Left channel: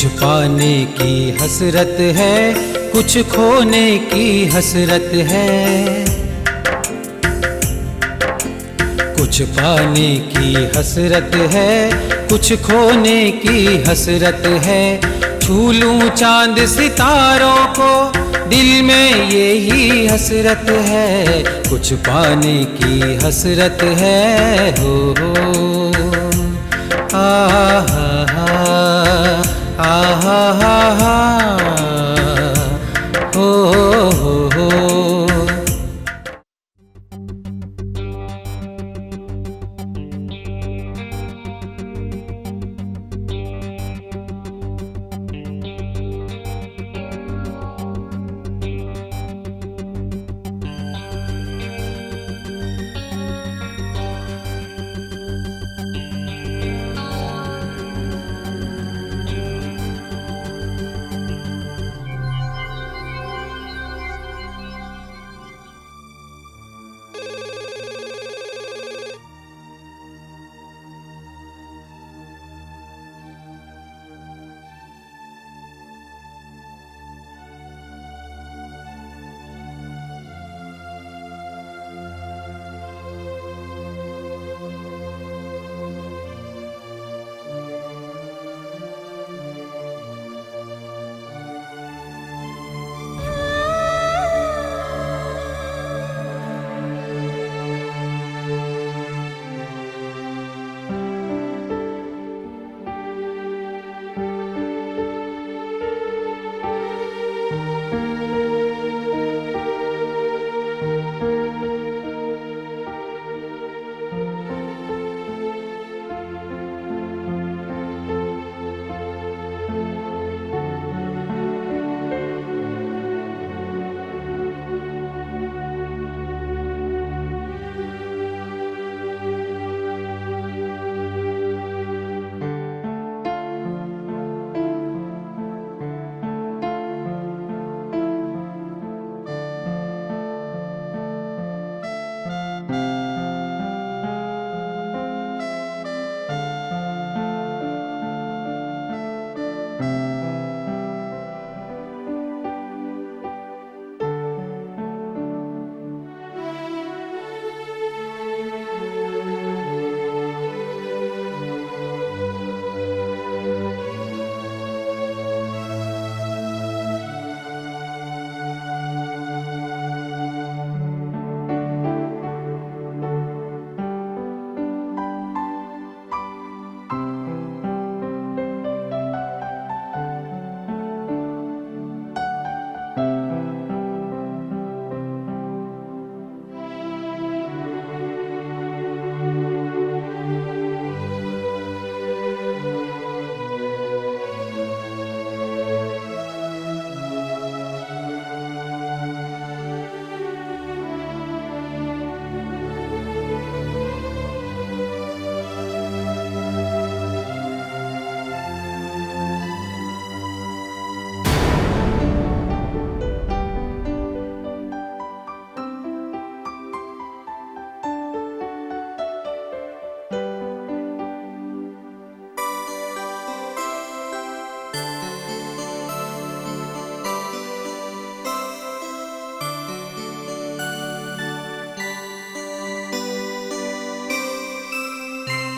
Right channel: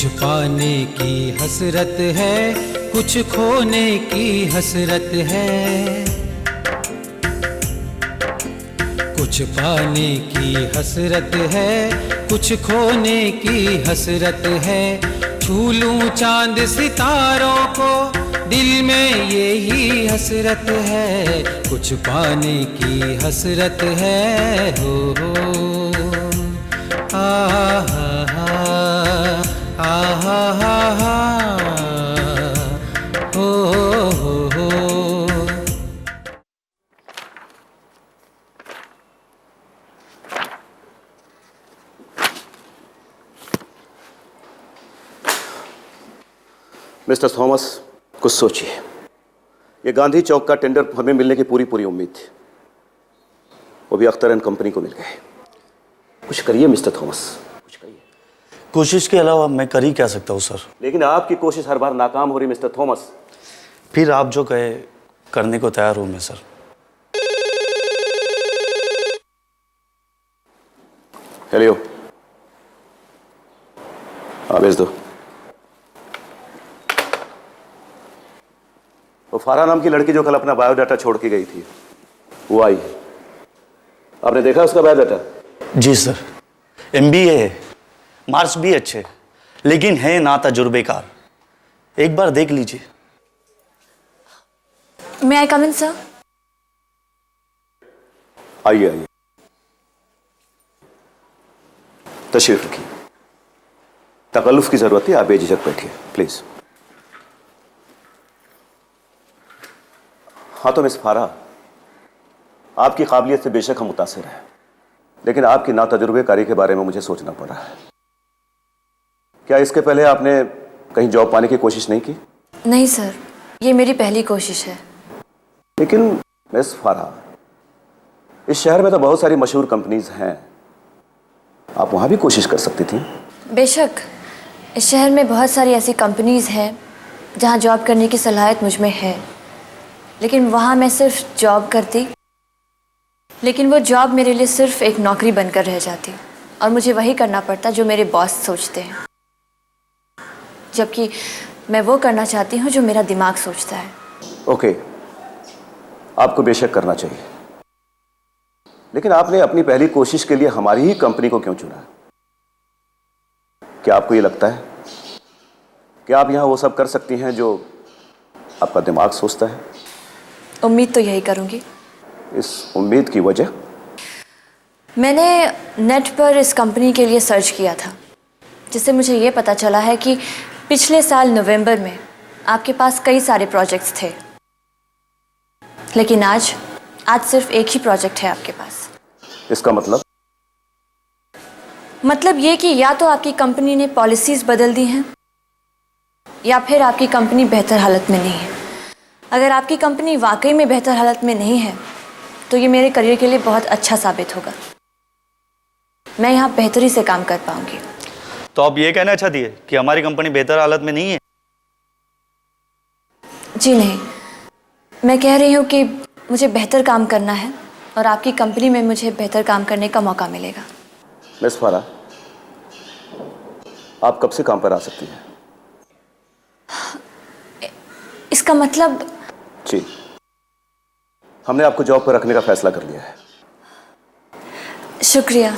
कुछ पाने की हसरत है, कुछ खोने की हसरत है। कुछ पाने की हसरत है, कुछ खोने की हसरत है। छू लूं चांद सितारों को, दिल में यही हसरत है। कुछ पाने की हसरत है, हो आ हा हा हो। मिस्टर थॉमस, कुछ सोचिए। ये गांधी चौक का टेंडर हमें मिलने की पूरी उम्मीद थी, वो भी अख्तर एंड कंपनी को मिल गए। कुछ करिए मिस्टर थॉमस। कोशिश के अलावा मैं कर ही क्या सकता हूँ सर। लेकिन आपकी कोशिश हर बार नाकाम हो रही मिस्टर थॉमस। फिर आप जो कहे करने को तैयार हूँ मैं सर। हेलो, हाँ भेज दो। वो फारा नाम की लड़की जो कल अपना बायोडाटा छोड़ के गई थी, वो आई। आपने देखा उसका बायोडाटा? जी सर, MBA है, मार्क्स भी अच्छे, लेकिन है ना तजुर्बेकार। एक बार देख लीजिए। May I come in, sir? आइए आइए, तशरीफ रखिए। तकल्लुफ की जरूरत है, आप बेझिझक बैठिए प्लीज। हाँ तो मिस फारा, आपकी काबिलियत से बेशक हम मुतासिर हैं, लेकिन आपकी नातजुर्बेकारी के बारे में मुझे सोचना पड़ा है। क्या इसके पहले आपने कहीं जॉब पाने की कोशिश नहीं की? नहीं सर, ये मेरी पहली कोशिश है। लेकिन मिस फारा, इस शहर में तो बहुत सारी मशहूर कंपनीज हैं, आप वहां भी कोशिश कर सकती थी। बेशक, इस शहर में बहुत सारी ऐसी कंपनीज हैं जहां जॉब करने की सलाहियत मुझ में है, लेकिन वहां मैं सिर्फ जॉब करती, लेकिन वो जॉब मेरे लिए सिर्फ एक नौकरी बनकर रह जाती और मुझे वही करना पड़ता जो मेरे बॉस सोचते हैं, जबकि मैं वो करना चाहती हूँ जो मेरा दिमाग सोचता है। ओके, आपको बेशक करना चाहिए, लेकिन आपने अपनी पहली कोशिश के लिए हमारी ही कंपनी को क्यों चुना? क्या आपको ये लगता है कि आप यहां वो सब कर सकती हैं जो आपका दिमाग सोचता है? उम्मीद तो यही करूँगी। इस उम्मीद की वजह? मैंने नेट पर इस कंपनी के लिए सर्च किया था, जिससे मुझे ये पता चला है कि पिछले साल नवंबर में आपके पास कई सारे प्रोजेक्ट्स थे, लेकिन आज सिर्फ एक ही प्रोजेक्ट है आपके पास। इसका मतलब ये कि या तो आपकी कंपनी ने पॉलिसीज बदल दी हैं, या फिर आपकी कंपनी बेहतर हालत में नहीं है। अगर आपकी कंपनी वाकई में बेहतर हालत में नहीं है, तो ये मेरे करियर के लिए बहुत अच्छा साबित होगा। मैं यहाँ बेहतरी से काम कर पाऊंगी। तो आप ये कहना चाहती है कि हमारी कंपनी बेहतर हालत में नहीं है? जी नहीं, मैं कह रही हूँ कि मुझे बेहतर काम करना है और आपकी कंपनी में मुझे बेहतर काम करने का मौका मिलेगा। मिस फारा, आप कब से काम पर आ सकती हैं? इसका मतलब? जी, हमने आपको जॉब पर रखने का फैसला कर लिया है। शुक्रिया।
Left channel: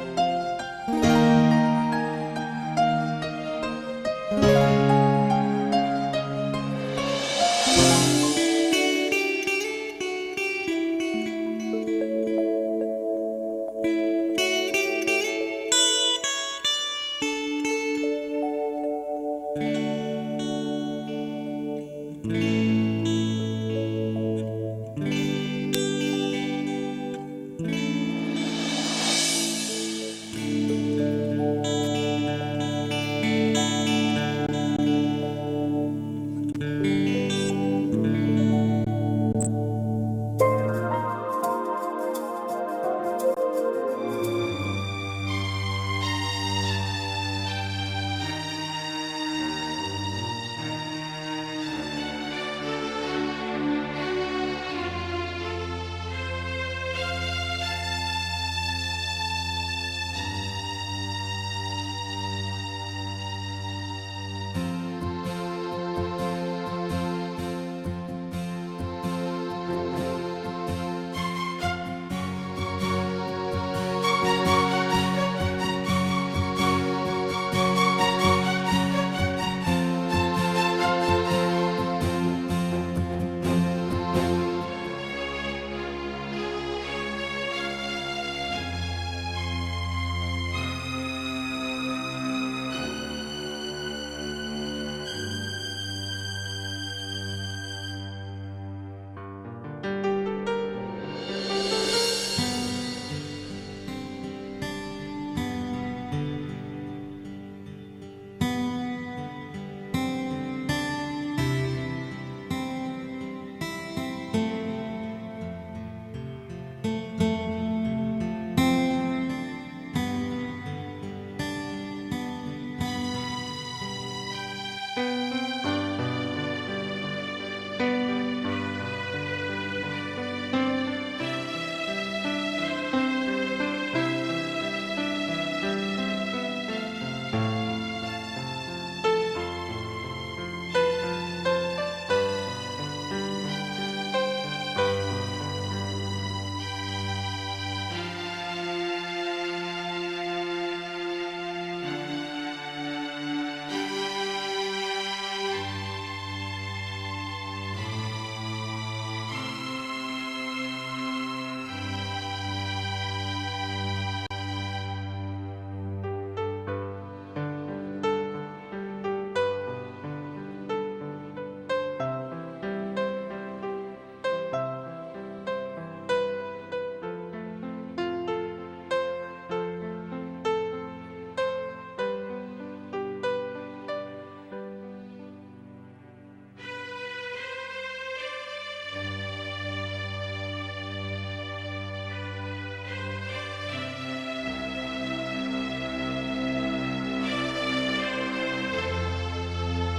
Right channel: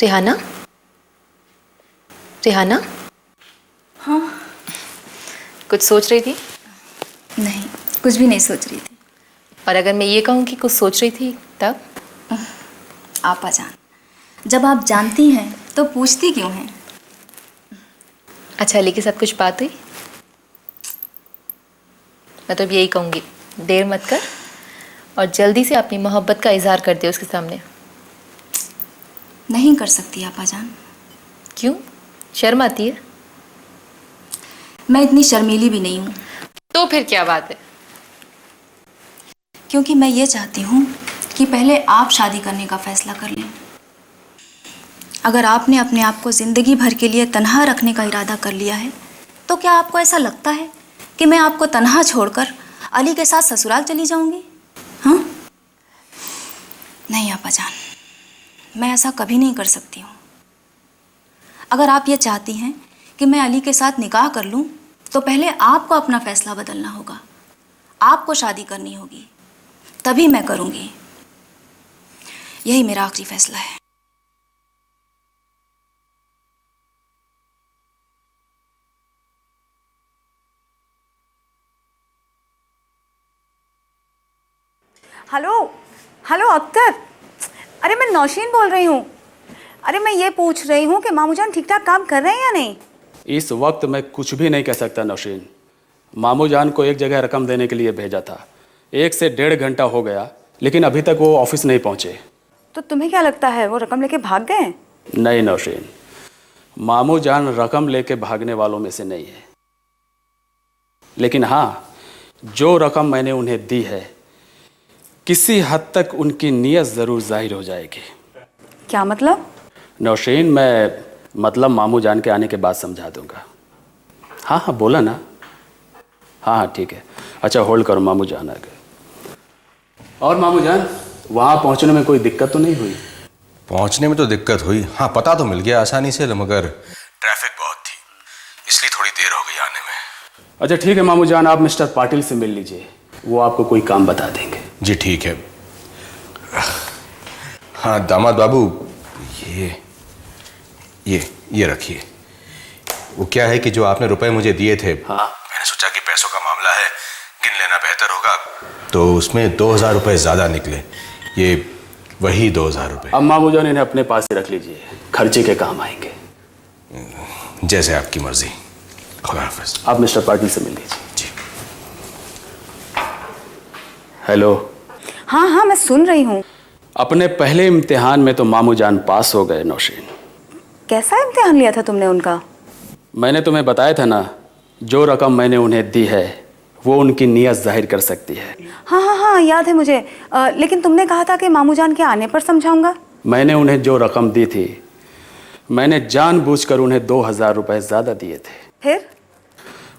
रिहाना? रिहाना? हाँ कुछ सोच रही थी? नहीं, कुछ भी नहीं सोच रही। और अगर मैं ये कहूँ कि कुछ सोच रही थी तब? आपा जान, जब आप जानती हैं तो पूछती क्यों हैं? अच्छा, अली के साथ कुछ बात हुई? मैं तो अब यही कहूँगी, देर मत कर और जल्दी से अपनी मोहब्बत का इजहार कर दे उसके सामने। नहीं कर सकती आपा जान। क्यों? शर्म आती है? मैं इतनी शर्मीली भी नहीं हूँ। तो फिर क्या बात है? क्योंकि मैं ये चाहती हूँ कि पहले आप शादी करने का फैसला कर लें। अगर आपने अपने आप को जिंदगी भर के लिए तन्हा रखने का इरादा कर लिया है, तो क्या आपको ऐसा लगता है कि मैं आपको तन्हा छोड़कर अली के साथ ससुराल चली जाऊंगी? हाँ? नहीं आपा जान, मैं ऐसा कभी नहीं कर सकती हूँ। अगर आप ये चाहती हैं कि मैं अली के साथ निकाह कर लूं, तो पहले आपको अपना फैसला बदलना होगा। आपको शादी करनी होगी, तभी मैं करूंगी। यही मेरा आखिरी फैसला है। हेलो हेलो अख्तर, अरे मैं नौशीन बोल रही हूँ। अरे मैं ये पूछ रही हूँ कि मामू जान ठीक ठाक काम कर रहे हैं या नहीं? इस वक्त मैं कुछ भी नहीं कह सकता नौशीन। मामू जान को एक जगह रकम देने के लिए भेजा था, 1 से 1.5 घंटा हो गया, लेकिन अभी तक वो ऑफिस नहीं पहुंचे। तो तुम्हें क्या लगता है वो रकम लेके भाग गए? नहीं नौशीन, मामू जान रकम लेके भागने वालों में से नहीं है। लेकिन हाँ, जो रकम मैंने उन्हें दी है, किसी हद तक उनकी नीयत जरूर जाहिर हो जाएगी। क्या मतलब? नौशीन, मैं मतलब मामू जान के आने के बाद समझा दूंगा। हाँ हाँ बोला ना। हाँ हाँ ठीक है। अच्छा होल्ड करो, मामू जान आ गए। और मामू जान, वहाँ पहुँचने में कोई दिक्कत तो नहीं हुई? पहुंचने में तो दिक्कत हुई, हाँ पता तो मिल गया आसानी से, मगर ट्रैफिक बहुत थी, इसलिए थोड़ी देर हो गई आने में। अच्छा ठीक है मामू जान, आप मिस्टर पाटिल से मिल लीजिए, वो आपको कोई काम बता देंगे। जी ठीक है। हाँ दामाद बाबू, ये रखिए। वो क्या है कि जो आपने रुपए मुझे दिए थे, हाँ मैंने सोचा कि पैसों का मामला है, गिन लेना बेहतर होगा, तो उसमें 2000 रुपए ज्यादा निकले। ये वही 2000 रुपए। अब मामू जान इन्हें अपने पास ही रख लीजिए, खर्चे के काम आएंगे। जैसे आपकी मर्जी। खुदा हाफिज। आप मिस्टर पाटिल से मिल लीजिए। जी। हेलो। हाँ हाँ मैं सुन रही हूँ। अपने पहले इम्तिहान में तो मामू जान पास हो गए नौशीन। कैसा इम्तिहान लिया था तुमने उनका? मैंने तुम्हें बताया था ना, जो रकम मैंने उन्हें दी है वो उनकी नीयत जाहिर कर सकती है। हाँ हाँ हाँ याद है मुझे। लेकिन तुमने कहा था कि मामू जान के आने पर समझाऊंगा। मैंने उन्हें जो रकम दी थी, मैंने जानबूझकर उन्हें 2000 रुपए ज्यादा दिए थे। फिर?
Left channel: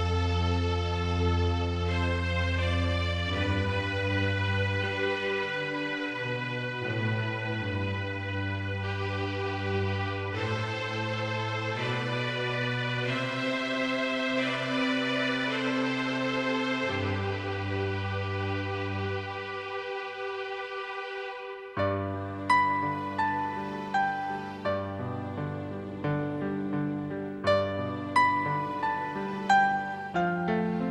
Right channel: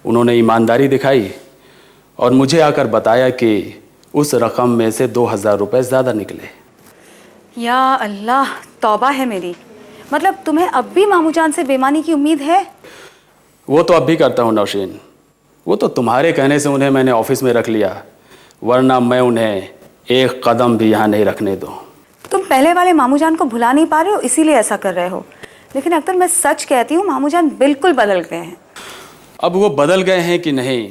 उन्होंने ईमानदारी दिखाई और मुझे आकर बताया कि उस रकम में से 2000 रुपए ज्यादा निकले। या अल्लाह, तौबा है मेरी। मतलब तुम्हें अब भी मामू जान से बेईमानी की उम्मीद है? वो तो अब भी करता हूँ नौशीन, वो तो तुम्हारे कहने से उन्हें मैंने ऑफिस में रख लिया, वरना मैं उन्हें एक कदम भी यहाँ नहीं रखने दूँ। तुम पहले वाले मामू जान को भुला नहीं पा रहे हो, इसीलिए ऐसा कर रहे हो। लेकिन अख्तर मैं सच कहती हूँ, मामू जान बिल्कुल बदल गए हैं। अब वो बदल गए हैं कि नहीं,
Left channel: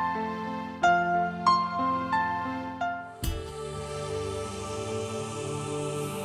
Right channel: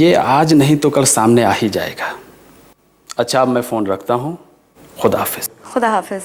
ये आज नहीं तो कल सामने आ ही जाएगा। अच्छा अब मैं फ़ोन रखता हूँ, खुदा हाफिज। खुदा हाफिज।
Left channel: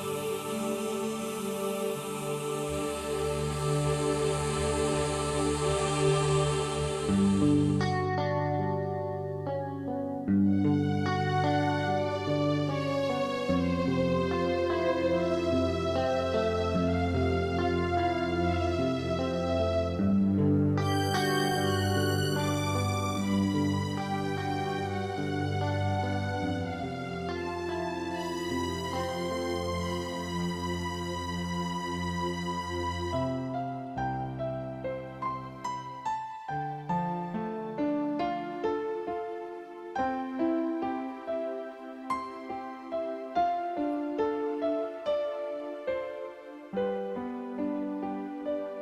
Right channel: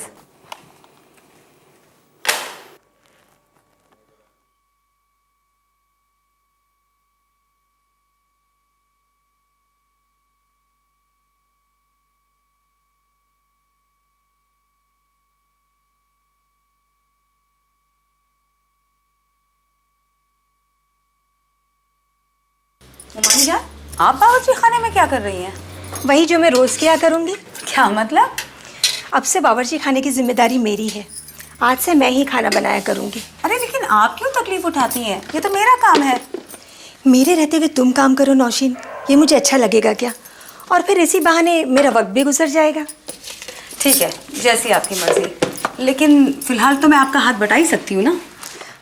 आप बावर्ची खाने में क्या कर रही हैं? वही जो मैं रोज किया करूंगी। क्या मतलब? अब से बावर्ची खाने की जिम्मेदारी मेरी है, आज से मैं ही खाना बनाया करूंगी। अरे लेकिन आप क्यों तकलीफ उठाती हैं? ये तो मेरा काम है। मेरे रहते हुए तुम काम करो नौशीन, ये मुझे अच्छा लगेगा क्या? और फिर इसी बहाने मेरा वक्त भी गुजर जाएगा। ठीक है, जैसी आपकी मर्जी। लेकिन फिलहाल तो मैं आपका हाथ बटा ही सकती हूँ ना?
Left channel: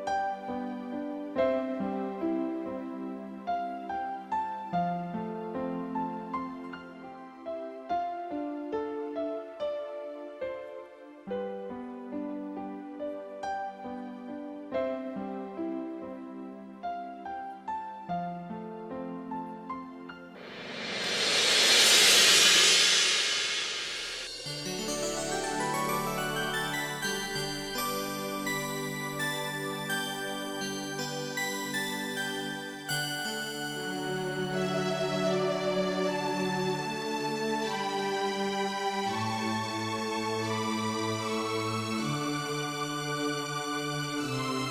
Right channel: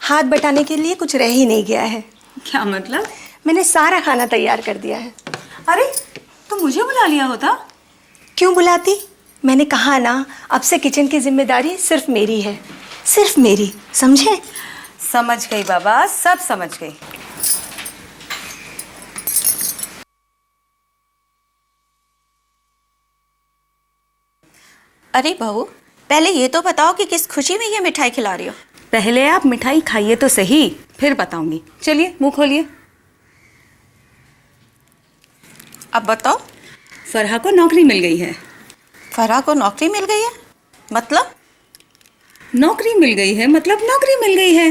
हाथ बटाने के लिए कुछ रह ही नहीं गया है। क्या मतलब? मैंने सारा खाना तैयार कर दिया है। अरे तो मुझे बुला लिया होता। क्यों बुलाती? मैंने कहा ना, अब से किचन की जिम्मेदारी सिर्फ मेरी है, सिर्फ मेरी, समझे? समझ गई बाबा, सब समझ गई। अरे बहू, पहले ये तो बताओ कि किस खुशी में ये मिठाई खिला रही हो। पहले आप मिठाई खाइए तो सही, फिर बताऊंगी। चलिए मुंह खोलिए। अब बताओ। फरहा को नौकरी मिल गई है। फरहा को नौकरी मिल गई है? मतलब? नौकरी मिल गई है मतलब नौकरी मिल गई है।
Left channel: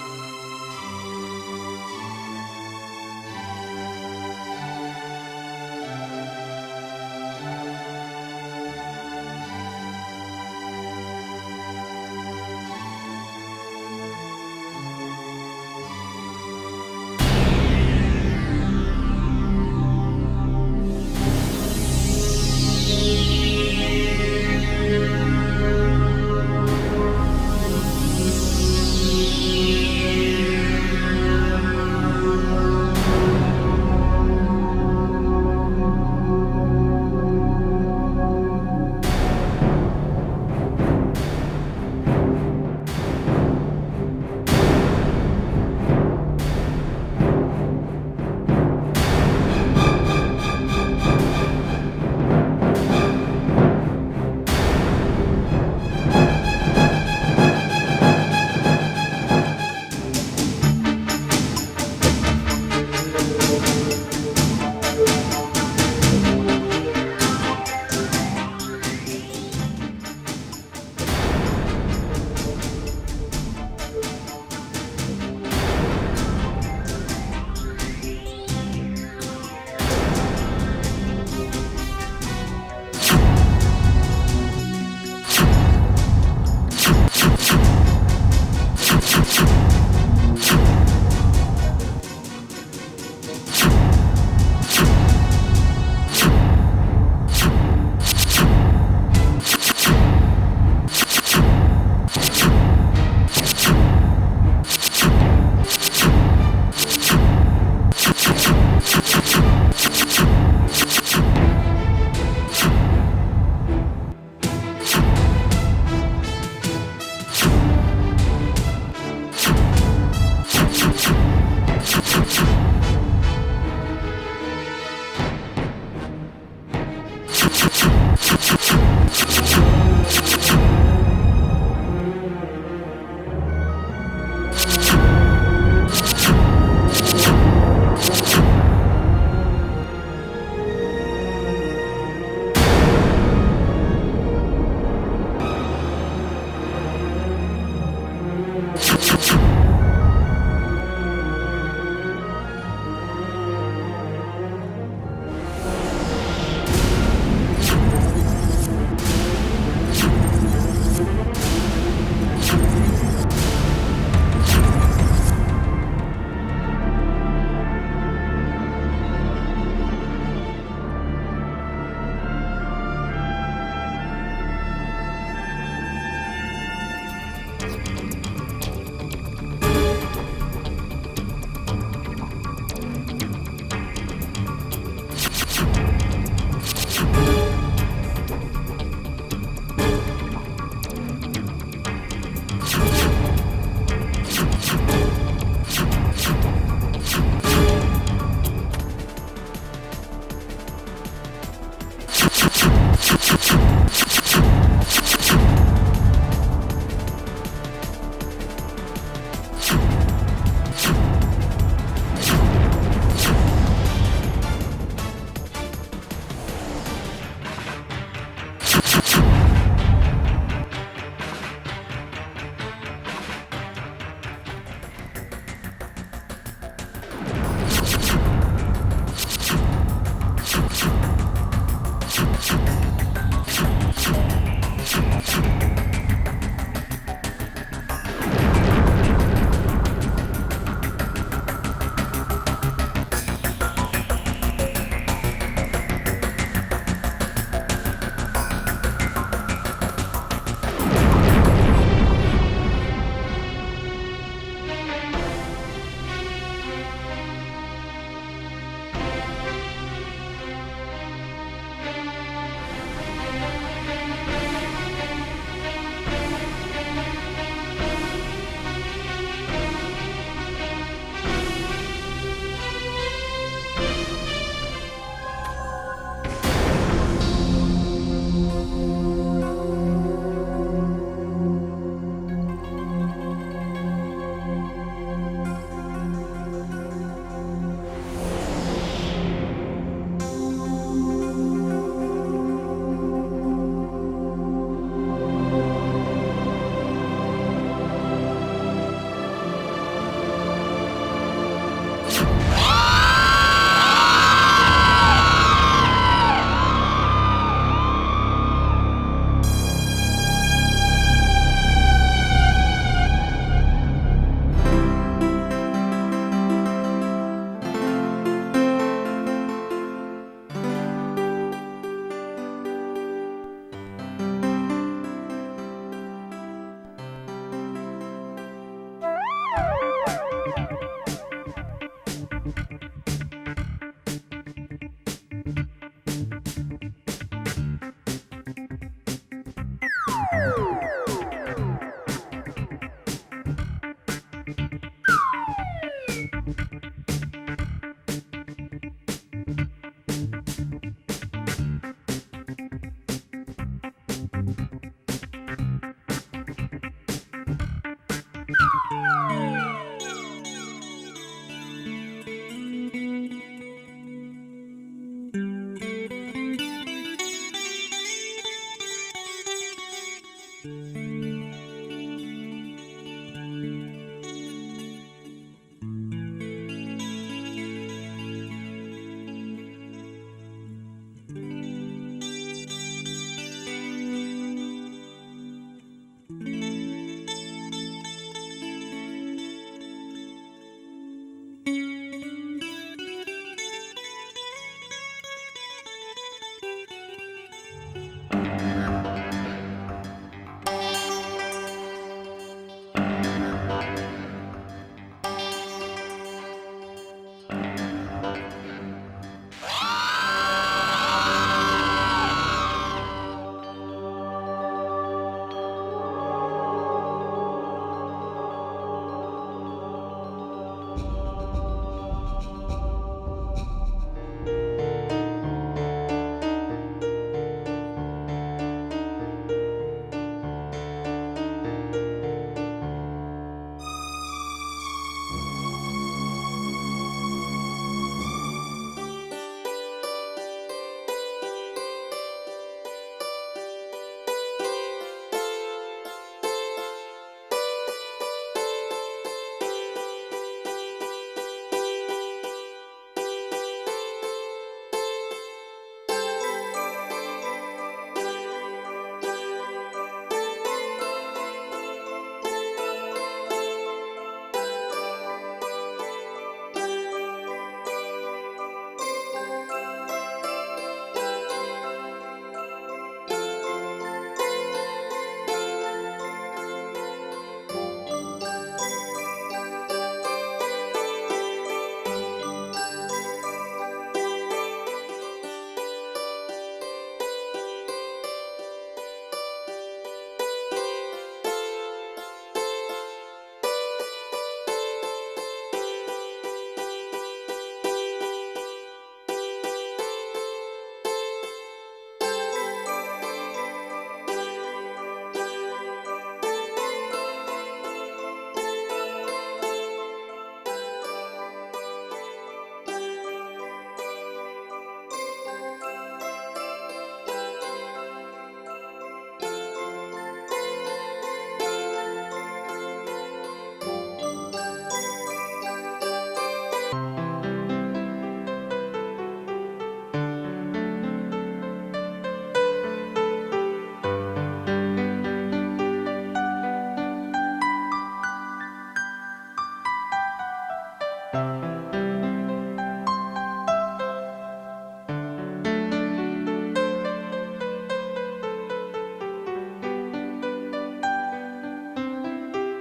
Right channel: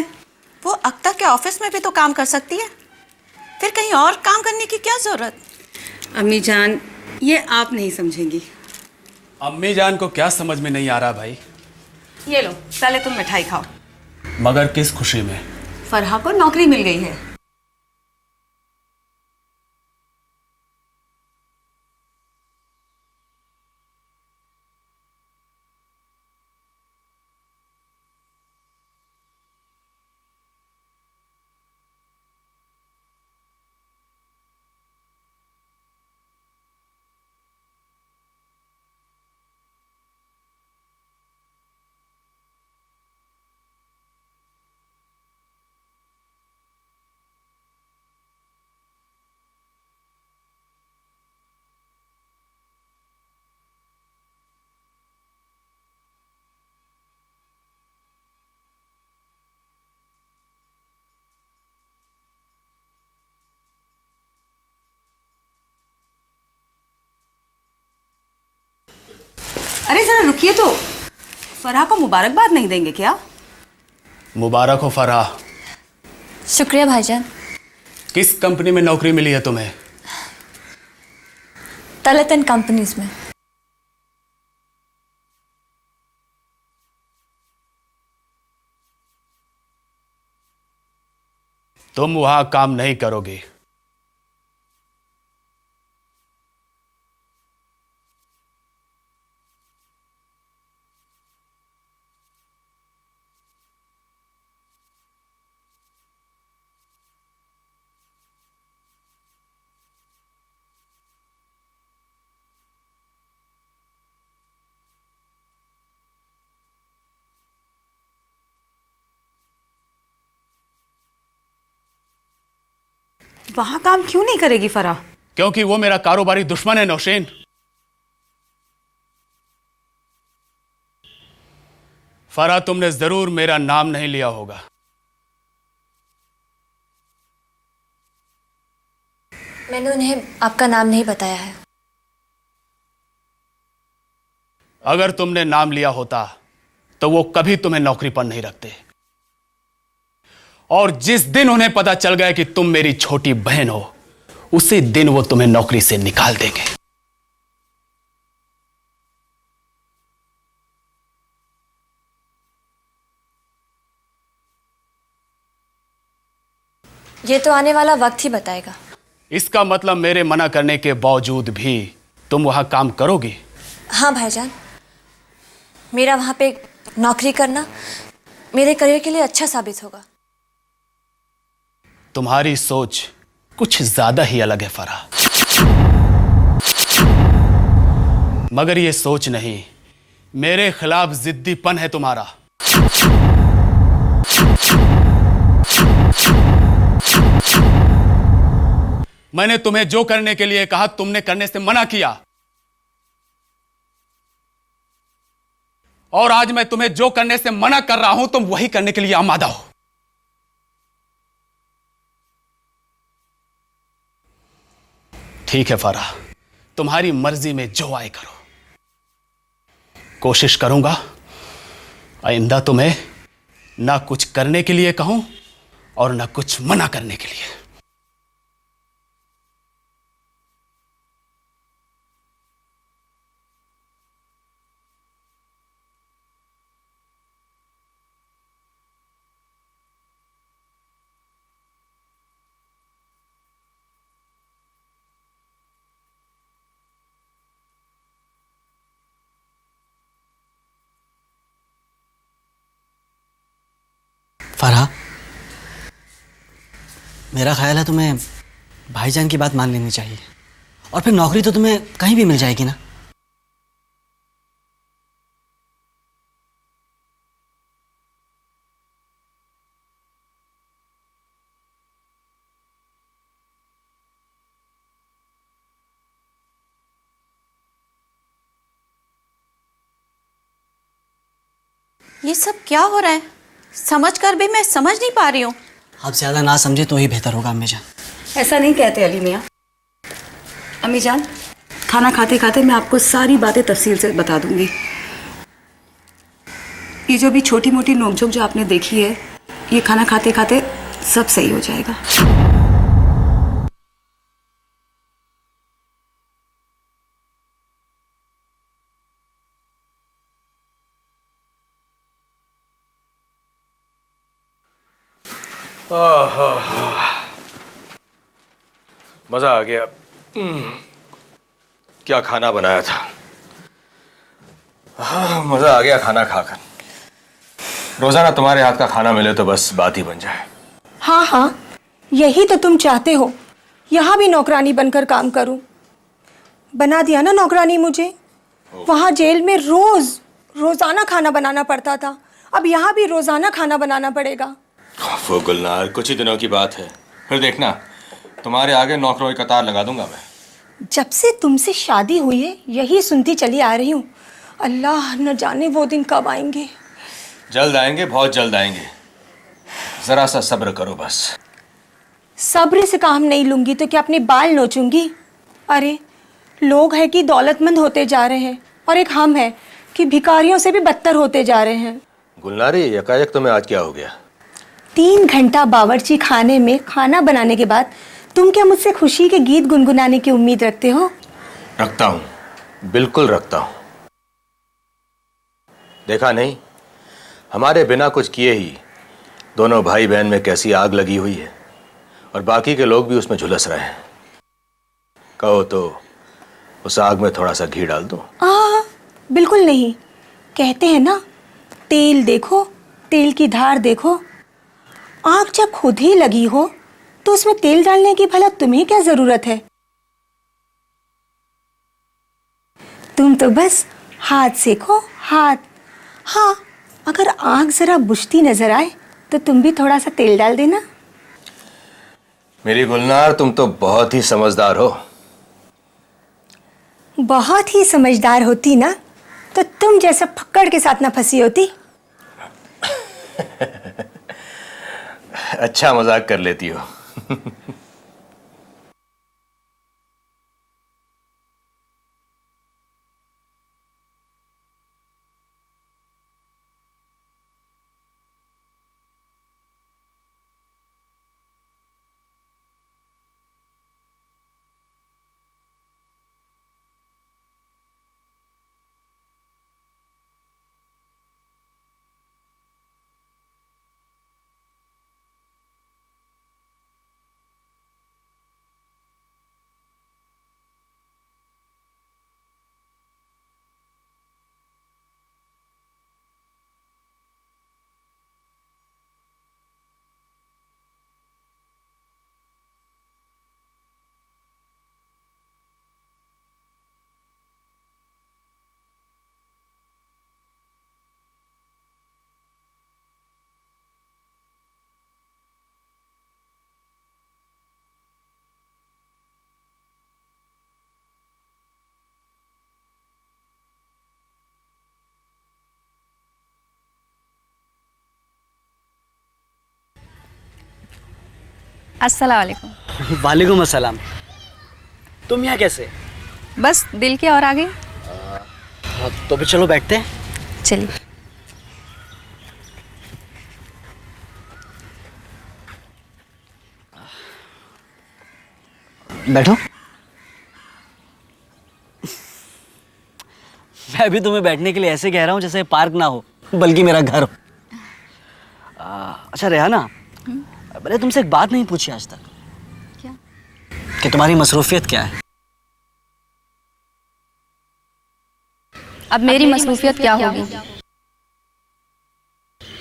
वो अख्तर के ऑफिस में भी तो काम कर सकती है, फिर कहीं और काम करने की क्या जरूरत? अम्मी जान, ये आप नहीं समझेंगी। अम्मी जान को क्या समझ में नहीं आ रहा भाई? ये लो, पहले तुम मिठाई खाओ। मगर किस खुशी में? फरहा को नौकरी मिल गई है। अरे जरा रुकिए तो, फरहा को मुबारकबाद नहीं देंगे क्या? मुबारक हो फरहा। शुक्रिया भाईजान। किस कंपनी में नौकरी मिली है तुम्हें? तलतन कंपनीज में। तुम वहां काम नहीं करोगे। वहाँ काम क्यों नहीं करेगी फरहा? क्योंकि वो मेरा कारोबारी दुश्मन है नौशीन। फरहा, तुमने जरूर मेरा नाम नहीं लिया होगा। मैंने उन्हें आपका नाम नहीं बताया है। अगर तुमने नाम लिया होता तो वो कभी तुम्हें नौकरी पर नहीं रखते। और जिस दिन उन्हें पता चल गया कि तुम मेरी छोटी बहन हो, उसी दिन वो तुम्हें नौकरी से निकाल देंगे। ये तो आने वाला वक्त ही बताएगा। इसका मतलब मेरे मना करने के बावजूद भी तुम वहां काम करोगी? हाँ भाईजान, मेरा वहाँ पे नौकरी करना मेरे करियर के लिए अच्छा साबित होगा। तुम्हारी सोच कुछ ज्यादा ही अलग है फरहा। मगर ये सोच नहीं, मेरे खिलाफ जिद्दीपन है तुम्हारा। मैंने तुम्हें जो करने के लिए कहा तुमने करने से मना किया, और आज मैं तुम्हें जो करने से मना कर रहा हूं तुम वही करने के लिए आमादा हो। ठीक है फरहा, तुम्हारी मर्जी में जो आए करो। कोशिश करूंगा आइंदा तुम्हें ना कुछ करने के लिए कहूं और ना कुछ मना करने के लिए। फरहा, मेरा ख्याल है तुम्हें भाईजान की बात मान लेनी चाहिए, और फिर नौकरी तो तुम्हें कहीं भी मिल जाएगी ना। ये सब क्या हो रहा है? समझ कर भी मैं समझ नहीं पा रही हूँ। आप ज़्यादा ना समझे तो ही बेहतर होगा अम्मी जान। ऐसा नहीं कहते अली मियाँ। अम्मी जान, खाना खाते खाते मैं आपको सारी बातें तफसील से बता दूंगी। ये जो भी छोटी मोटी नोकझोंक जो आपने देखी है, ये खाना खाते खाते सब सही हो जाएगा। मजा आ गया। क्या खाना बनाया था। मजा आ गया खाना खाकर। रोजाना तुम्हारे हाथ का खाना मिले तो बस बात ही बन जाए। हाँ हाँ, यही तो तुम चाहते हो, यहाँ भी नौकरानी बनकर काम करूं। बना दिया ना नौकरानी मुझे। वहाँ जेल में रोजाना खाना बनाना पड़ता था, अब यहाँ भी रोजाना खाना बनाना पड़ेगा। वो गुलनार, कुछ ही दिनों की बात है, फिर देखना तुम्हारे आगे नौकरों की कतार लगा दूंगा मैं। जब से तुमसे शादी हुई है यही सुनती चली आ रही हूँ। अल्लाह न जाने वो दिन कब आएंगे। जल्द आएंगे, बहुत जल्द आएंगे। जरा सा सब्र करो बस। सब्र से काम नहीं लूंगी तो क्या अपने बाल नोचूंगी? अरे लोग हैं कि दौलतमंद होते जा रहे हैं और एक हम हैं कि भिखारियों से भी बदतर होते जा रहे हैं। गुलनारी, यकायक तुम्हें आज क्या हो गया? 3 घंटा बावर्ची खाने में खाना बनाने के बाद तुम क्या मुझसे खुशी के गीत गुनगुनाने की उम्मीद रखते हो? रखता हूँ, बिल्कुल रखता हूँ। देखा नहीं, हमारे बिना कुछ किए ही दोनों भाई बहन में कैसी आग लगी हुई है और बाकी के लोग भी उसमें झुलस रहे हैं। कहो तो उस आग में थोड़ा सा घी डाल दूं? बिल्कुल नहीं। कहते हैं ना, तेल देखो, तेल की धार देखो। आग जब खुद ही लगी हो तो उसमें तेल डालने की भला तुम्हें क्या जरूरत है? तुम तो बस हाथ सेको, हाथ। हाँ, अगर आग जरा बुझती नजर आए तो तुम भी थोड़ा सा तेल डाल देना। मेरी गुलनार, तुम तो बहुत ही समझदार हो। बहुत ही समझदार होती ना तो तुम जैसा फक्कड़ के साथ ना फंसी होती। अच्छा मजाक कर लेती हो। अस्सलाम वालेकुम। वालेकुम अस्सलाम। तुम यहाँ कैसे? बस दिल के और आगे। तो फिर चलो बैठते हैं। चलिए। बैठो। मैं भी तुम्हें बैठने के लिए ऐसे कह रहा हूँ जैसे पार्क ना हो बल्कि मेरा घर हो। अच्छा रेहाना, मैंने तुमसे एक बात नहीं पूछी आज तक कि तुम्हारी मसरूफियत क्या है? अब मेरी मसरूफियत क्या होगी?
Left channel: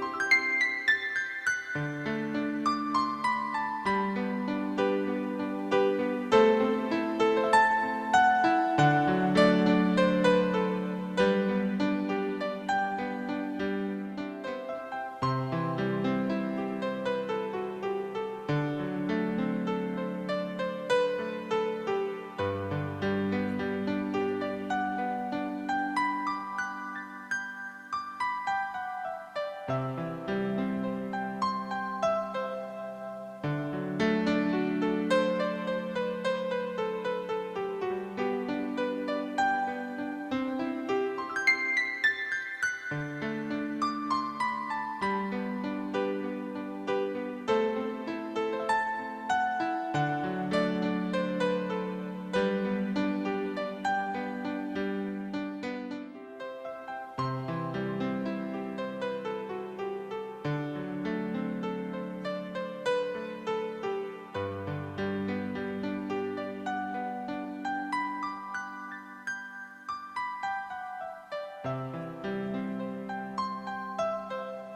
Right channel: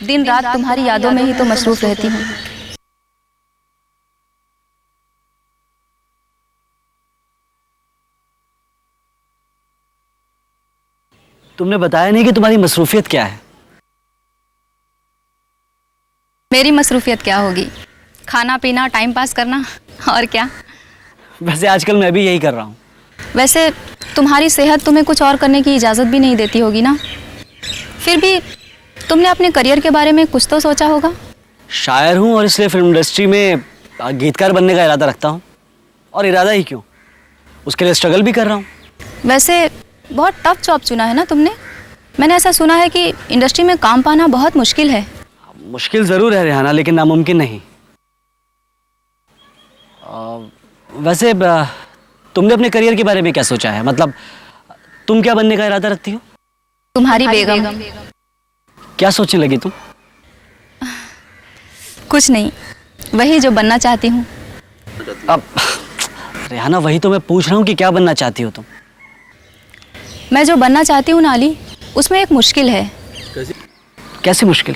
दिन रात तुम्हारी यादों में ही तो मसरूफ रहती हूँ। तुमने बताया नहीं कि तुम्हारी मसरूफियत क्या है। मेरी मसरूफियत क्या होगी? खाना पीना, टाइम पास करना, और क्या। वैसे आजकल मैं भी यही कर रहा हूँ। वैसे तुम्हारी सेहत तुम्हें कुछ और करने की इजाज़त भी नहीं देती होगी ना। फिर भी तुमने अपने करियर के बारे में कुछ तो सोचा होगा। शायर हूँ और इसलिए फिल्म इंडस्ट्री में गीतकार बनने का इरादा रखता हूँ। और इरादा ही क्यों, उसके लिए स्ट्रगल भी कर रहा हूँ। वैसे बहुत टफ जॉब चुना है ना तुमने। मैंने ऐसा सुना है कि इंडस्ट्री में काम पाना बहुत मुश्किल है। मुश्किल ज़रूर है रेहाना, लेकिन नामुमकिन नहीं। वैसे तुमने अपने करियर के बारे में क्या सोचा है? मतलब तुम क्या बनने का इरादा रखती हो? तुम्हारी बेगम। क्या सोचने लगी तुम? कुछ नहीं, वही जो बनना चाहती हूँ। अब रेहाना, वही तो मैं पूछ रहा हूँ कि क्या बनना चाहती हो तुम? मैं जो बनना चाहती हूँ ना अली, उसमें एक मुश्किल है। कैसी मुश्किल?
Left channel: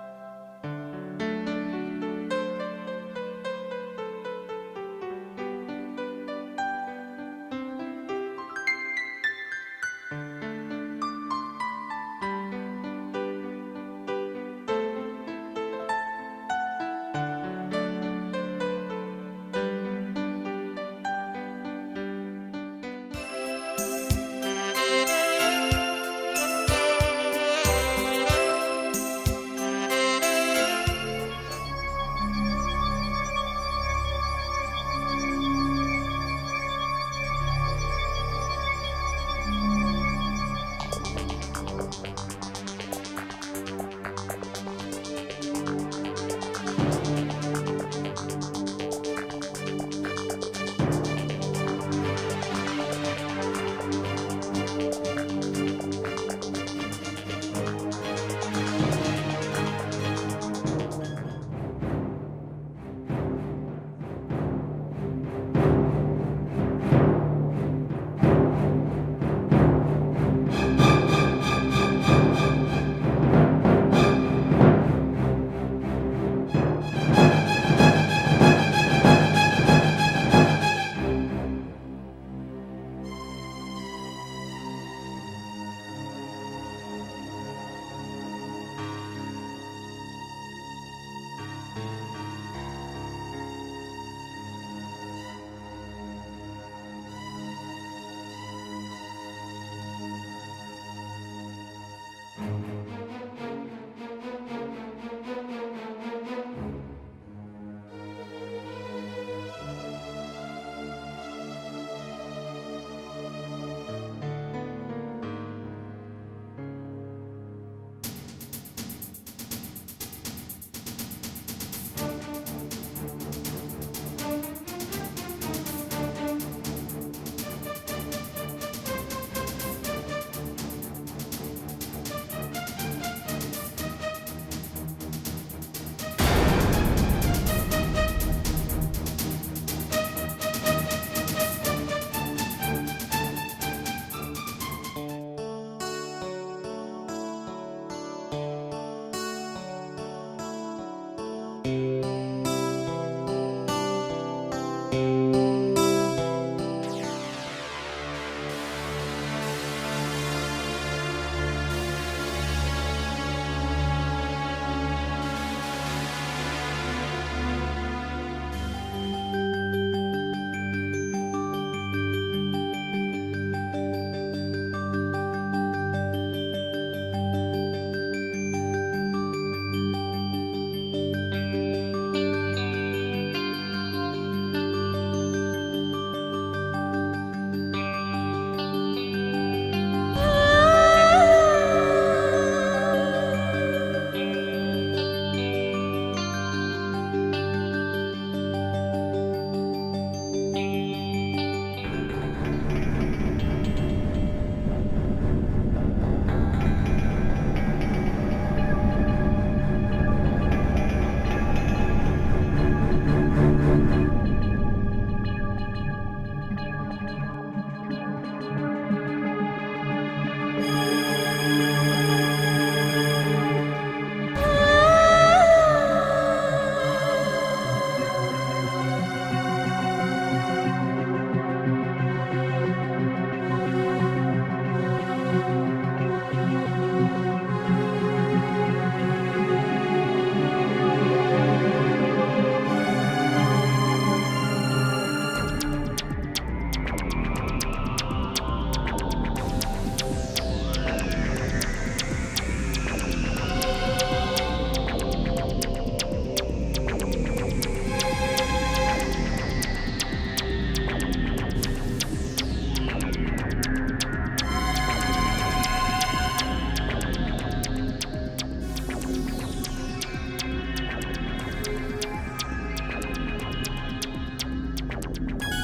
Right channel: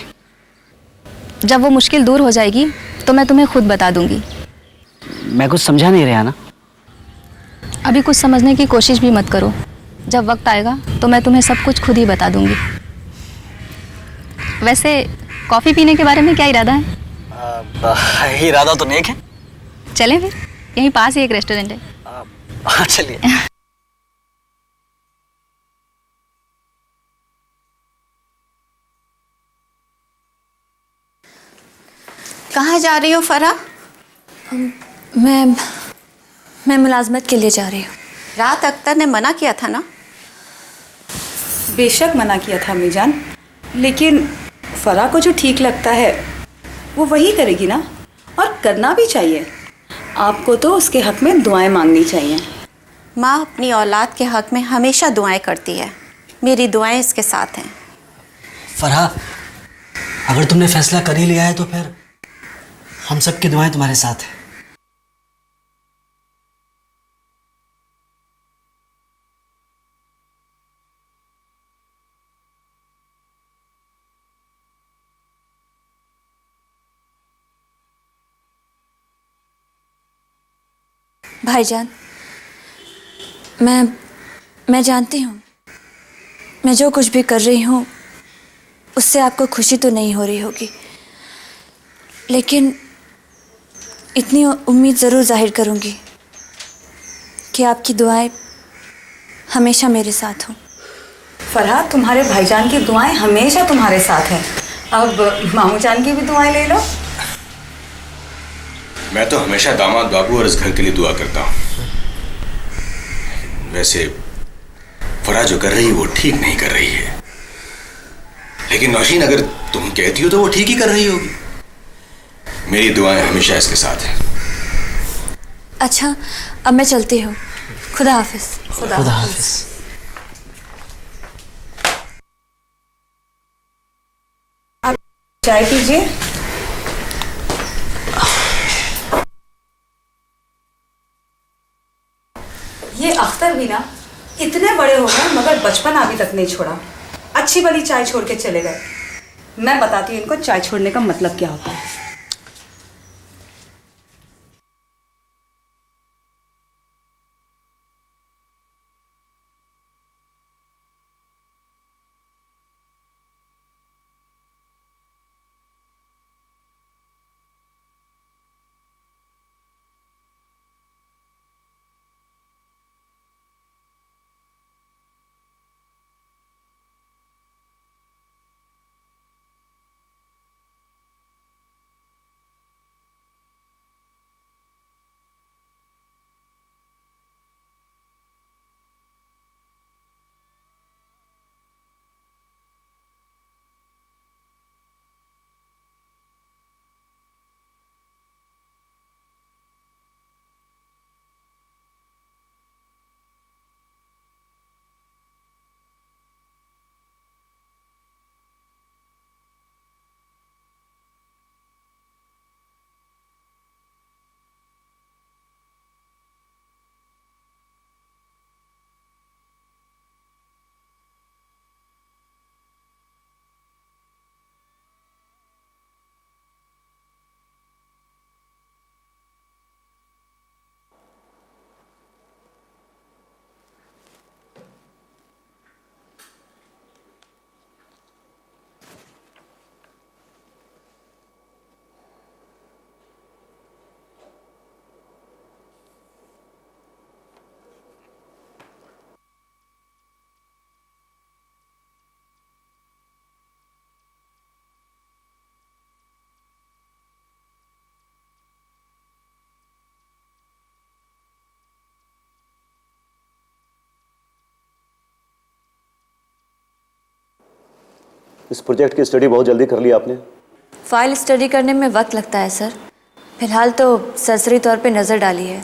जब वो मुश्किल दूर हो जाएगी तो मैं तुम्हें खुद बता दूंगी। मैं कुछ समझा नहीं रेहाना। अभी कुछ समझने की कोशिश भी मत करो, जब वक्त आएगा तो मैं तुम्हें सब कुछ खुद ही बता दूंगी। वैसे कॉफ़ी पीने के बारे में क्या इरादा है? इरादा तो नेक है। चलें फिर, यहीं पास ही एक रेस्टोरेंट है। हाँ चलिए। कहाँ जा रही हो फरा? मैं मुलाजमत के लिए जा रही हूँ। रात अख्तर ने मना किया था ना? बेशक मना किया था अम्मी जान, लेकिन फरा को जो ठीक लगता है वो वही करेगी ना, और करना भी चाहिए। आपको तो उसके हक में दुआएं मांगनी चाहिए। माँ अपनी औलाद के हक में हमेशा दुआएं करती है। मेरी दुआएं इसके साथ हैं। फरहा, अगर तुमने फैसला कर ही लिया है तो फिर हम सब की दुआएं तुम्हारे साथ हैं। भाईजान, मैं जानती हूँ मैं जो कुछ भी कर रही हूँ उससे आपको खुशी तो नहीं हो रही होगी, लेकिन इतनी उम्मीद ज़रूर जाहिर करूँगी कि आपकी दुआएं हमेशा मेरे साथ हों। फरहाद, तुम्हारे भाईजान की दुआएं हमेशा तुम्हारे साथ हैं। अब मामू जान की भी दुआएं ले लो। मैं तो हमेशा दामाद बाबू और इस घर के लिए दुआ करता हूँ। वैसे फरा जो कर रही है वो ठीक नहीं कर रही है, लेकिन नौशीन अगर तुम कहती हो तो वो ठीक ही कर रही होगी। मेरी दुआएं हमेशा इसके साथ हैं। अच्छा, अब मैं चलती हूँ। खुदा हाफिज। खुदा हाफिज। आप चाय पीजिए। ये अख्तर भी ना इतने बड़े हो गए मगर बचपन अभी तक नहीं छोड़ा। अच्छी वाली चाय छोड़ के चले गए। मैं बताती हूँ इनको चाय छोड़ने का मतलब क्या होता है। प्रोजेक्ट की स्टडी बहुत जल्दी कर ली आपने। फाइल स्टडी करने में वक्त लगता है सर। फिलहाल तो सरसरी तौर पे नज़र डाली है।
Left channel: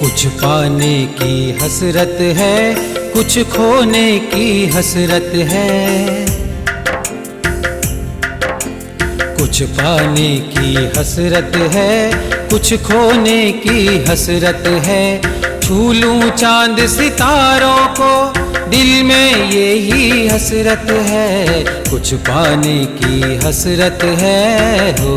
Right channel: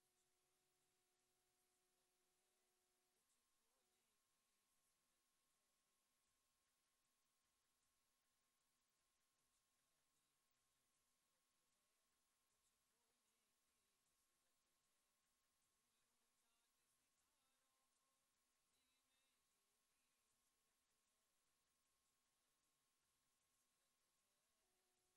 कुछ पाने की हसरत है, कुछ खोने की हसरत है। कुछ पाने की हसरत है, कुछ खोने की हसरत है। छू लूं चांद सितारों को, दिल में यही हसरत है। कुछ पाने की हसरत है, हो